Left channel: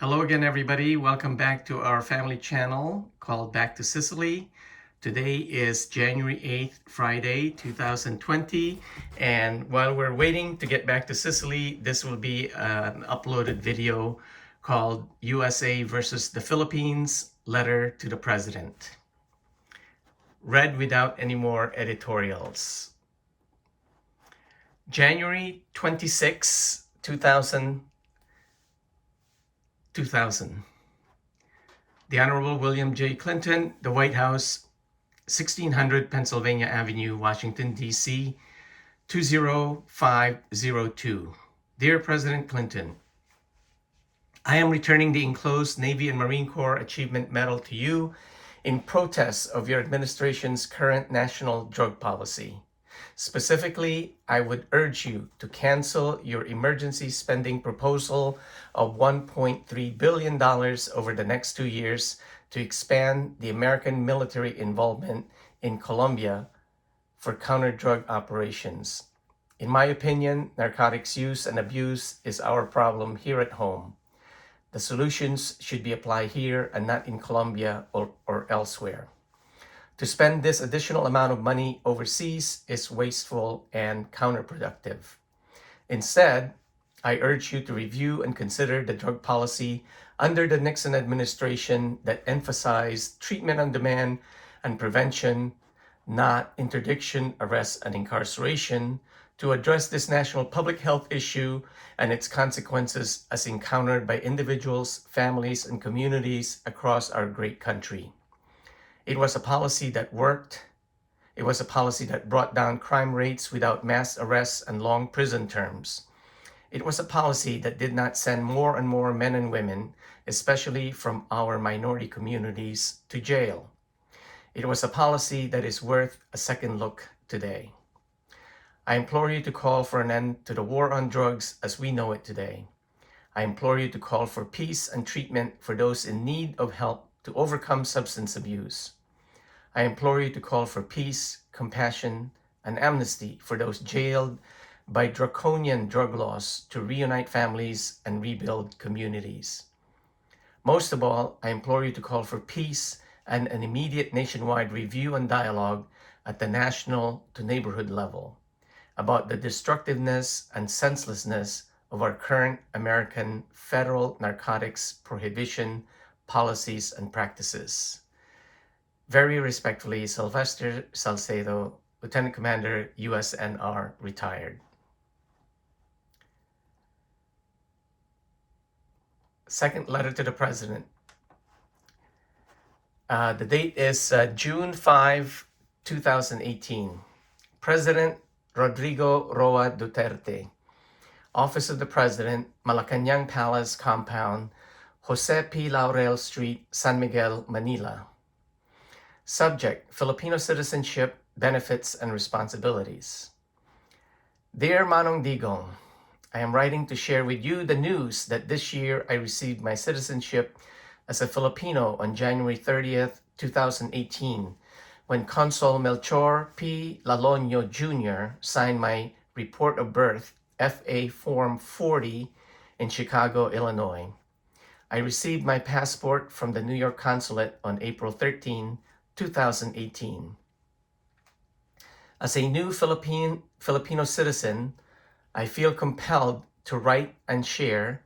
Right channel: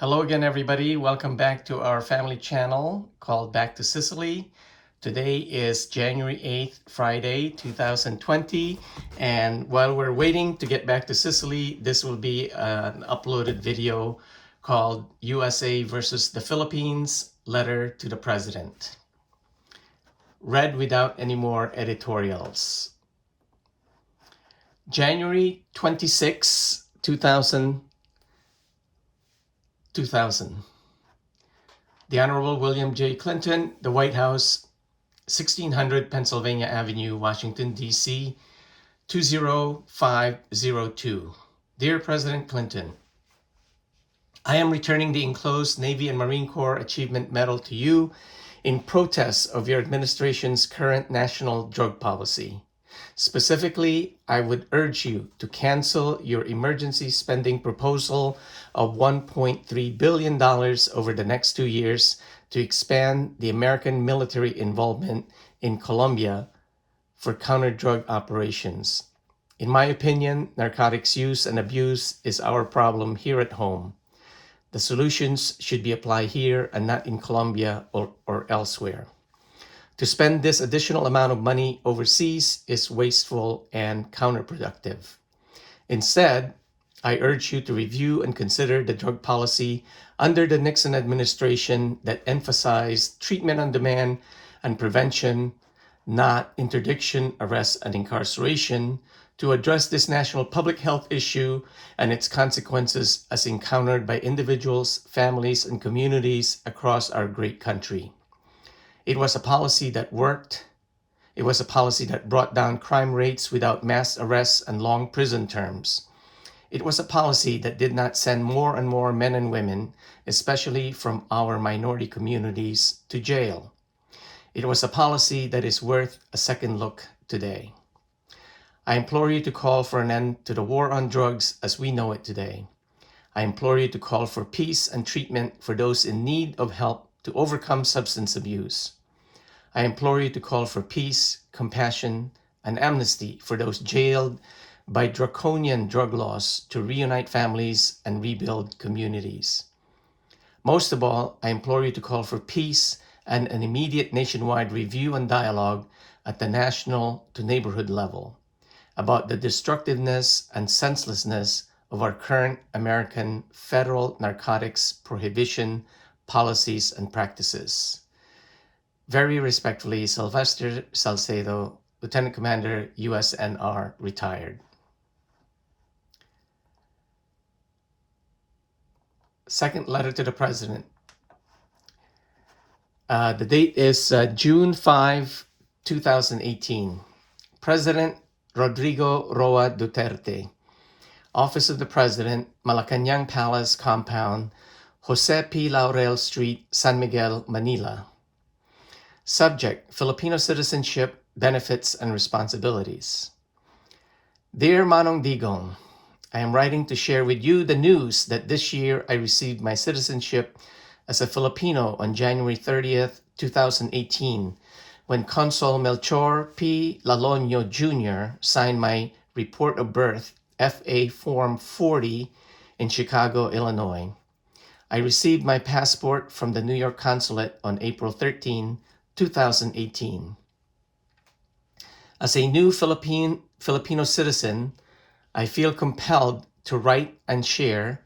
Hello again, everybody. Welcome back to our family channel called Back to Sicily. Today is January 8th, Friday, 2020. And while we're waiting to get back to Sicily, this will be an uploaded video called USA versus the Philippines, Letter to the President. Read without any more editorials. January 26, 2000. The Honorable William J. Clinton, the White House, 1600 Pennsylvania Avenue, Washington, D.C., 20502. Dear President Clinton, I am returning the enclosed Navy and Marine Corps Achievement Medal to you in protest of your administration's current national drug policy. Specifically, I would urge you to cancel your emergency spending proposal of $1.3 billion over the next 2 years to expand the American military involvement in Colombia for counter-drug operations. In my opinion, narcotics use and abuse is our problem here at home. The solutions should be applied here and not in Colombia or elsewhere. To spend this additional amount of money overseas is wasteful and counterproductive. Instead, I urge you to review and consider the drug policy under the Nixon administration that emphasized treatment on demand and prevention, not interdiction, arrest, and incarceration, to address this national public health issue and its consequences as encountered by individuals, families, and communities across our great country. It was a policy that worked. It was a policy that brought down crime rates without mass arrests and long prison terms. It was a policy that did not send more and more men and women, especially from our minority communities, to jail. It was a policy that is worth a second look today. I implore you to call for an end to the war on drugs as we know it today. I implore you to call for peace and treatment for those in need of help to overcome substance abuse. I implore you to call for peace, compassion, and amnesty for those jailed by draconian drug laws to reunite families and rebuild communities. Most of all, I implore you to call for peace and an immediate nationwide review and dialogue at the national to neighborhood level about the destructiveness and senselessness of our current American federal narcotics prohibition policies and practices. Very respectfully, Sylvester Salcedo, Lieutenant Commander, USNR, retired. Second letter to the President. The date is June 5, 2018. President Rodrigo Roa Duterte, Office of the President, Malacañang Palace Compound, Jose P. Laurel Street, San Miguel, Manila. Subject, Filipino citizenship, benefits, and responsibilities. Dear Manong Digong, I am writing to share with you the news that this year I received my citizenship as a Filipino on January 30th, 2018, when Consul Melchor P. Lalonio Jr. signed my report of birth, FA Form 40, in Chicago, Illinois. I received my passport from the New York Consulate on April 13, 2018. As a new Filipino citizen, I feel compelled to write and share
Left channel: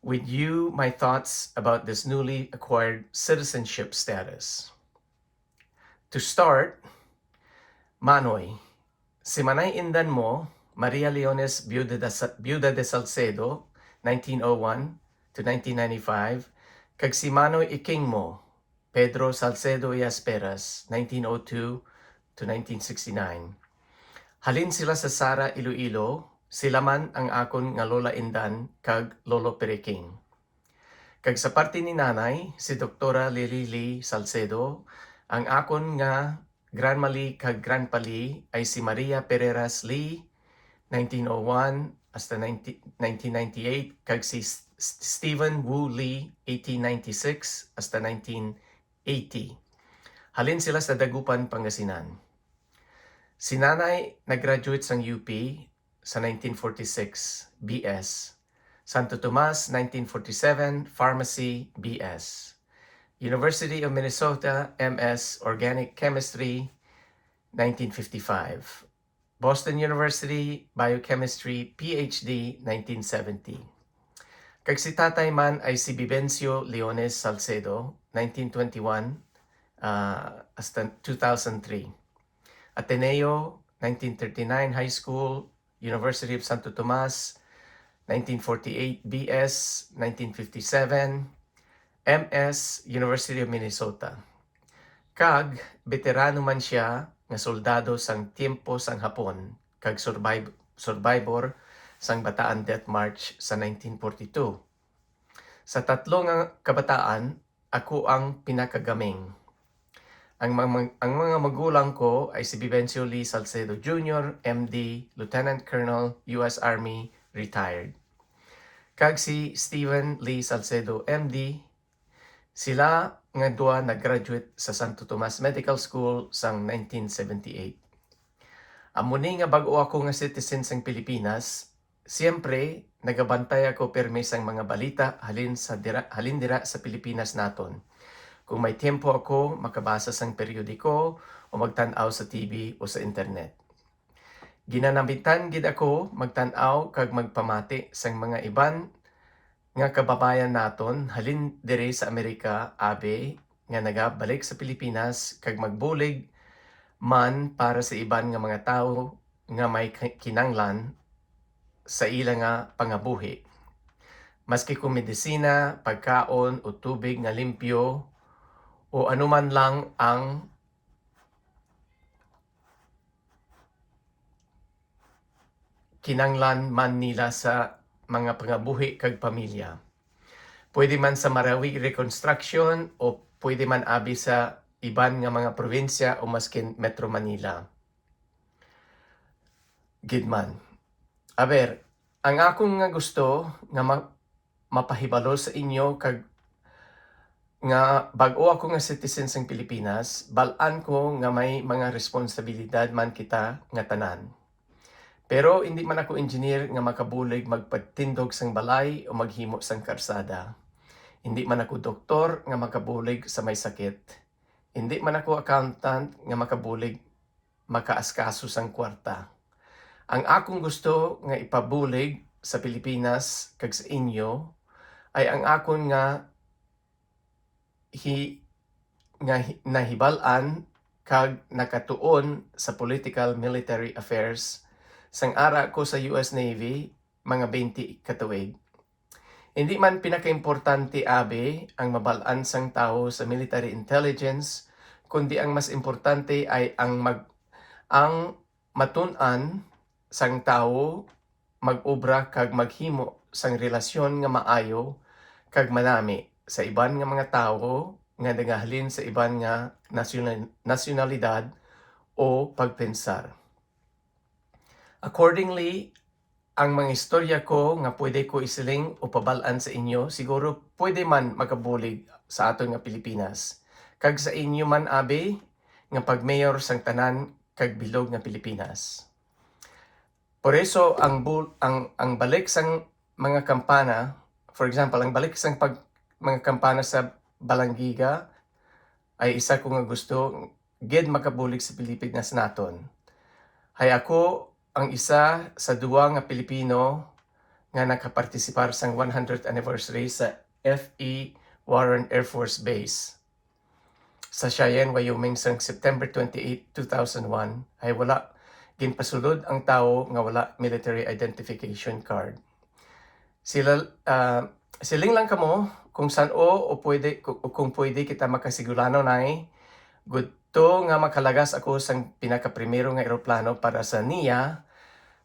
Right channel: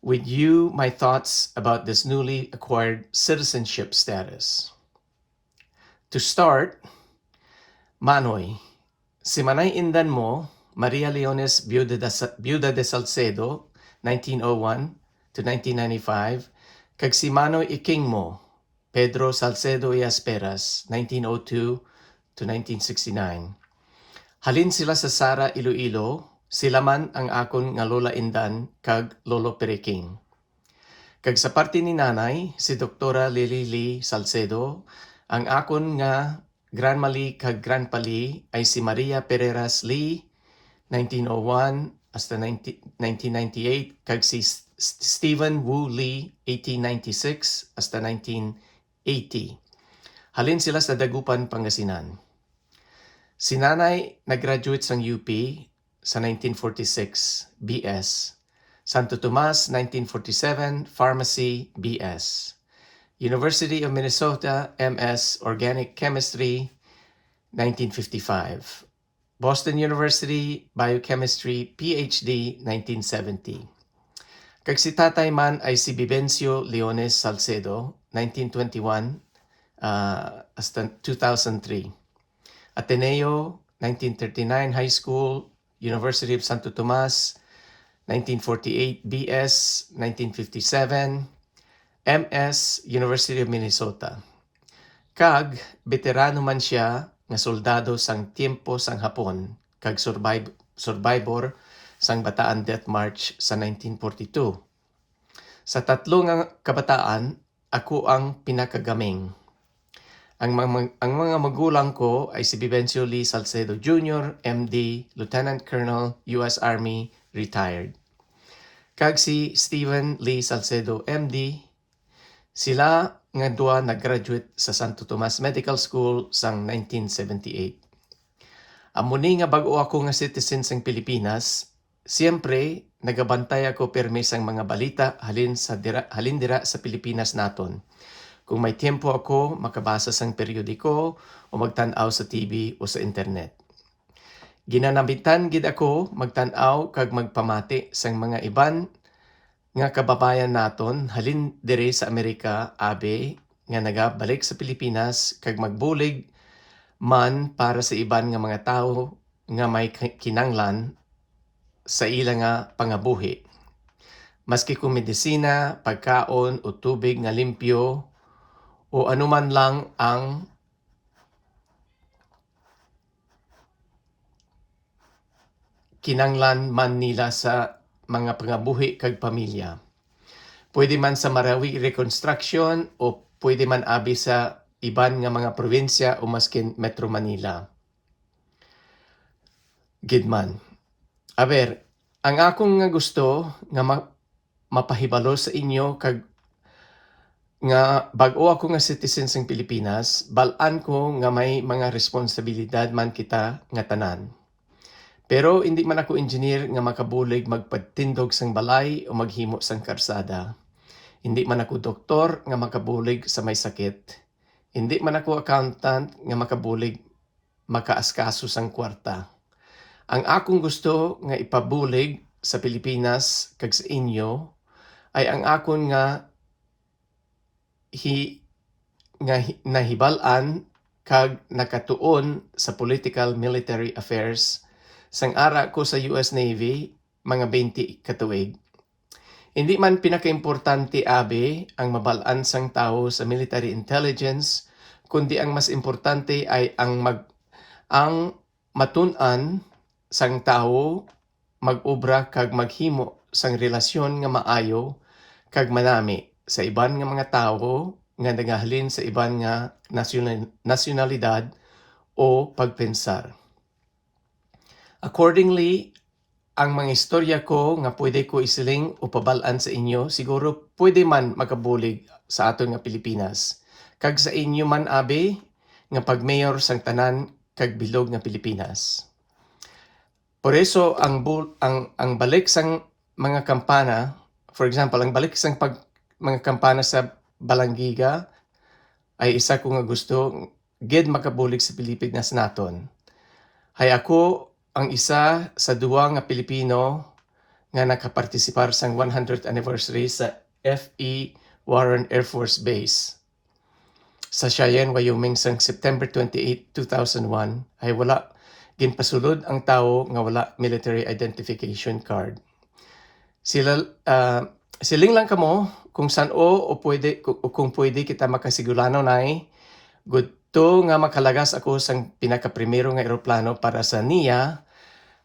with you my thoughts about this newly acquired citizenship status. To start, Manoy, si Manay Indan mo, Maria Leones Viuda de Salcedo, 1901 to 1995, kag si Manoy Iking mo, Pedro Salcedo y Asperas, 1902 to 1969. Halin sila sa Sara, Iloilo, sila man ang akon nga Lola Indan kag Lolo Periking. Kag sa parte ni nanay, si Doktora Lily Lee Salcedo, ang akon nga Granmali kag Granpali ay si Maria Pereras Lee, 1901 hasta 1998, kag si Stephen Wu Lee, 1896 hasta 1980. Halin sila sa Dagupan, Pangasinan. Si nanay nag-graduate sa UP sa 1946, BS. Santo Tomas, 1947, Pharmacy, BS. University of Minnesota, MS, Organic Chemistry, 1955. Boston University, Biochemistry, PhD, 1970. Kag si tatay man ay si Vivencio Leones Salcedo, 1921 hasta 2003. Ateneo, 1939 High School, University of Santo Tomas, 1948 BS, 1957, MS, University of Minnesota. Kag veterano man siya nga soldado sang tiempo sang Hapon, kag survivor sang Bataan Death March sa 1942. Sa tatlo nga kabataan, ako ang pinakagaming. Ang mga magulang ko ay si Vivencio Lee Salcedo Jr., MD, Lieutenant Colonel, U.S. Army, retired. Kag si Stephen Lee Salcedo, MD, sila nga duha nag-graduate sa Santo Tomas Medical School sang 1978. Amuni nga bago ako nga citizen sang Pilipinas, siyempre nagabantay ako permi sang mga balita halin dira sa Pilipinas naton. Kung may tiempo ako, makabasa sang periodiko o magtan-aw sa TV o sa internet. Ginanamitan gid ako magtan-aw kag magpamati sang mga iban nga kababayan naton halin dire sa Amerika abe nga nagabalik sa Pilipinas kag magbulig man para sa iban nga mga tao nga may kinanglan sa ila nga pangabuhi. Maski kung medisina, pagkaon o tubig nga limpyo o anuman lang ang kinanglan man nila sa mga pangabuhi kag pamilya. Pwede man sa Marawi Reconstruction o pwede man abi sa iban nga mga probinsya o maskin Metro Manila. Gidman. Aber, ang akong nga gusto nga mapahibalo sa inyo kag nga bag-o ako nga citizen sang Pilipinas, balaan ko nga may mga responsibilidad man kita nga tanan. Pero hindi man ako engineer nga makabulig magpatindog sang balay o maghimo sang karsada. Hindi man ako doktor nga makabulig sa may sakit. Hindi man ako accountant nga makabulig makaaskaso sang kwarta. Ang akong gusto nga ipabulig sa Pilipinas kag sa inyo ay ang akon nga nahibal-an kag nakatuon sa political military affairs sang ara ko sa US Navy mga 20 katuig. Hindi man pinakaimportante abe ang mabal-an sang tao sa military intelligence, kundi ang mas importante ay ang matun-an sang tao mag-obra kag maghimo sang relasyon nga maayo kag manami sa iban nga mga tao nga nagahalin sa iban nga nasyonalidad o pagpensar. Accordingly, ang mga istorya ko nga pwede ko isiling o pabalaan sa inyo, siguro pwede man makabulig sa aton nga Pilipinas. Kag sa inyo man abe nga pagmayor sang tanan kag bilog nga Pilipinas. Por eso ang balik sang mga kampana, for example, ang balik sang mga kampana sa Balangiga ay isa ko nga gusto gid makabulig sa Pilipinas naton. Hay ako ang isa sa duwa nga Pilipino nga nakapartisipar sang 100th anniversary sa F.E. Warren Air Force Base sa Cheyenne, Wyoming sang September 28, 2001 ay wala ginpasulod ang tao nga wala military identification card. Siling lang kamo kung saan o pwede kung pwede kita makasigurano nay gudto nga makalagas ako sang pinakaprimero nga eroplano para sa NIA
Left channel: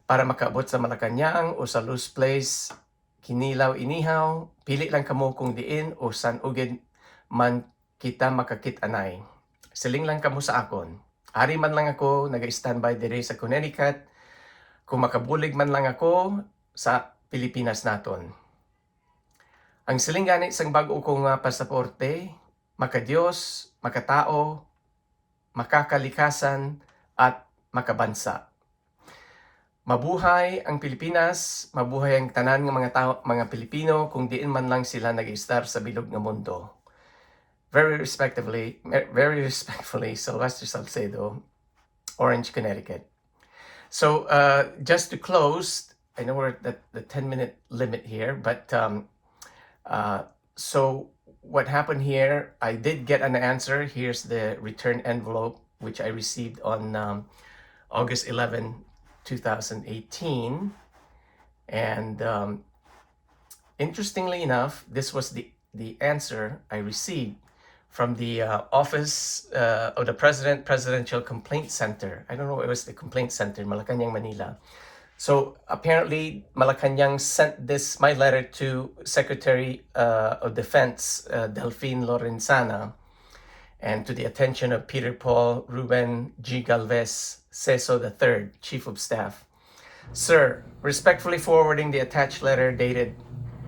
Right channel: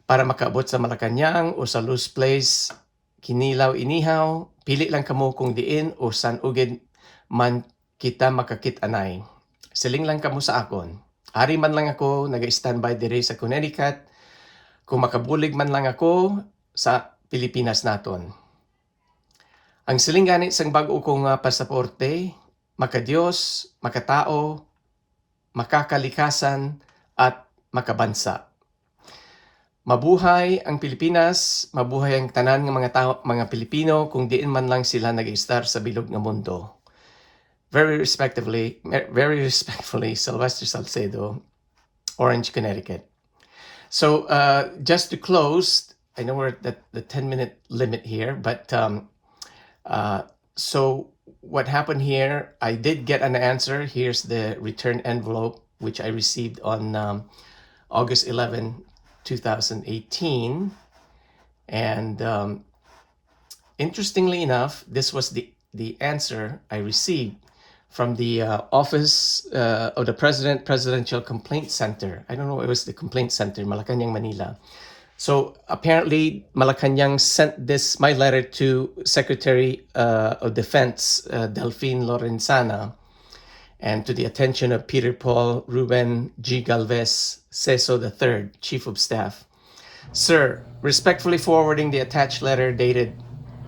para makaabot sa Malacañang o sa Luz Place, Kinilaw, Inihaw. Pili lang kamo kung diin o san ugid man kita makakit-anay. Siling lang kamo sa akon. Ari man lang ako nag-standby dire sa Connecticut kung makabulig man lang ako sa Pilipinas naton. Ang siling gani sang bag-o kong pasaporte, makadiyos, makatao, makakalikasan at makabansa. Mabuhay ang Pilipinas, mabuhay ang tanan ng mga tao, mga Pilipino, kung diin man lang sila nag-istar sa bilog ng mundo. Very respectfully, Sylvester Salcedo, Orange, Connecticut. So just to close, I know we're at the 10-minute limit here, but so what happened here, I did get an answer. Here's the return envelope, which I received on August 11, 2018. And interestingly enough, this was the answer I received from the Office of the Presidential Complaint Center. I don't know, it was the Complaint Center, Malacanang, Manila. So apparently, Malacanang sent my letter to Secretary of Defense, Delphine Lorenzana, and to the attention of Peter Paul Ruben G. Galvez Ceso III, Chief of Staff. Sir, respectfully forwarding the attached letter dated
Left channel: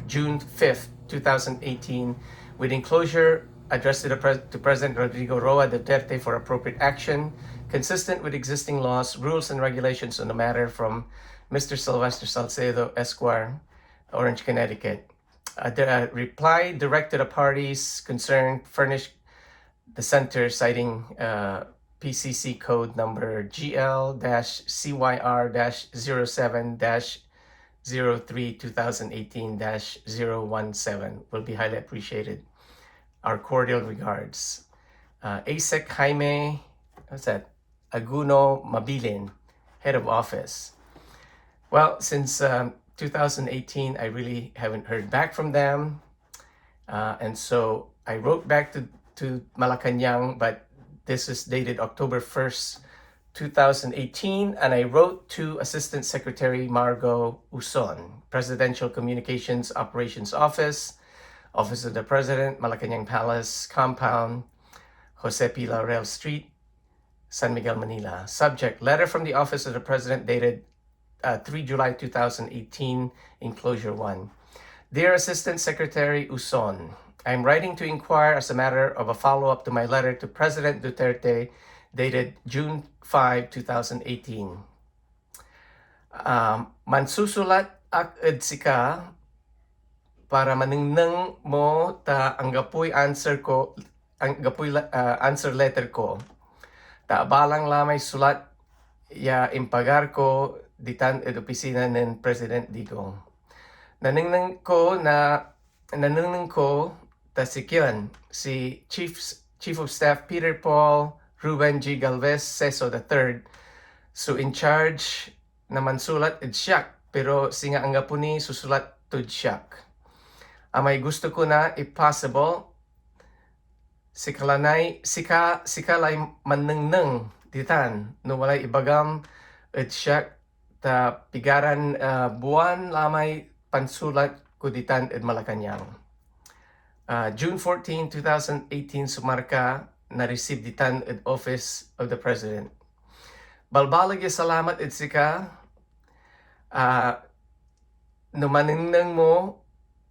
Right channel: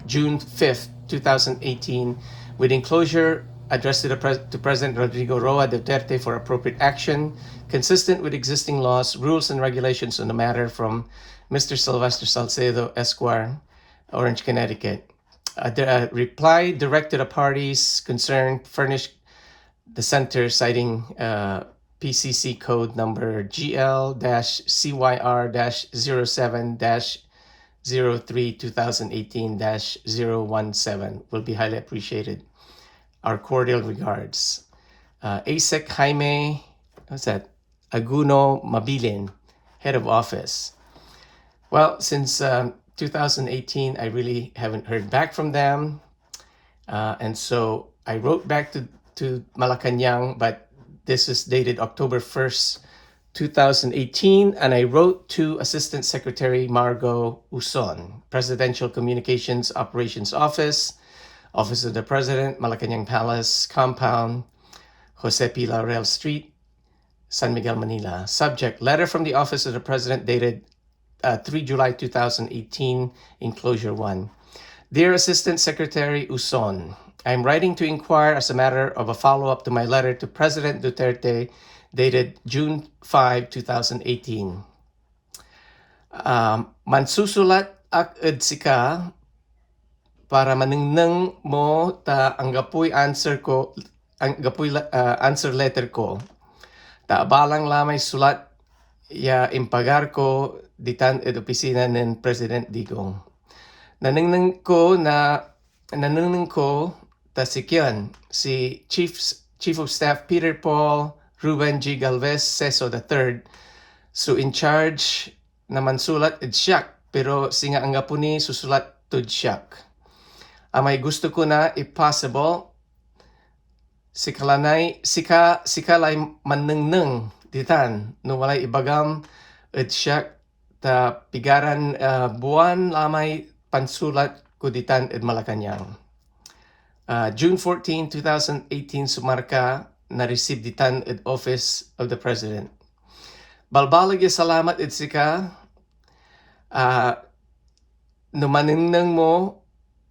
June 5th, 2018, with enclosure addressed to President Rodrigo Roa Duterte for appropriate action, consistent with existing laws, rules, and regulations on the matter, from Mr. Sylvester Salcedo, Esquire, Orange, Connecticut. The reply directed the parties concerned furnished the center citing PCC code number GL-CYR-07-03-2018-017 will be highly appreciated. Our cordial regards. ASEC Jaime, what's that? Aguno Mabilin, Head of Office. Well, since 2018, I really haven't heard back from them. And so I wrote back to Malacanang, but this is dated October 1st, 2018, and I wrote to Assistant Secretary Margo Uson, Presidential Communications Operations Office, Office of the President, Malacanang Palace Compound, Jose P. Laurel Street, San Miguel, Manila. Subject: letter from the Office of the President dated 3 July 2018, enclosure 1. Dear Assistant Secretary Uson, I am writing to inquire as a matter of a follow-up to my letter to President Duterte dated June 5, 2018. Mansusulat ak sika para manengneng mo ta ang gapoy answer letter ko. Ta abalang lamay sulat ya impagar ko ditan ed opisina ng President Digong. Nanengneng ko tasikyan si Chief of Staff Peter Paul Ruben G. Galvez Ceso III, so in charge naman sulat ed siyak, pero singa ang gapuni susulat tud siyak. Amay gusto ko na, if possible, sikalay manengneng ditan no walay ibagam ed siyak ta pigaran buwan lamay pansulat ko ditan ed Malacanang. June 14, 2018, sumarka na-receive ditan ed Office of the President. Balbalag salamat ed sika no manengneng mo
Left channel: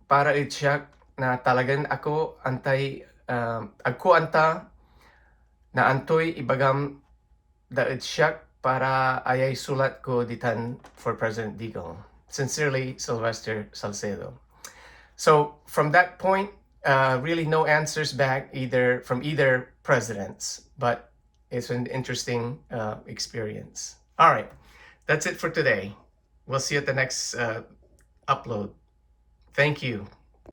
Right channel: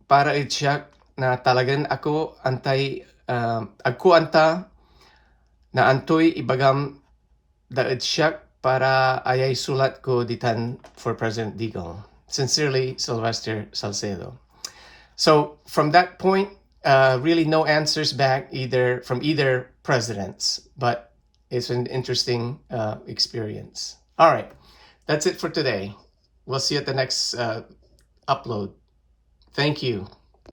para ed siyak na talagan ako anta na antoy ibagam da ed siyak para ayay sulat ko ditan for President Digong. Sincerely, Sylvester Salcedo. So from that point, really no answers back from either presidents, but it's an interesting experience. All right, that's it for today. We'll see you at the next upload. Thank you.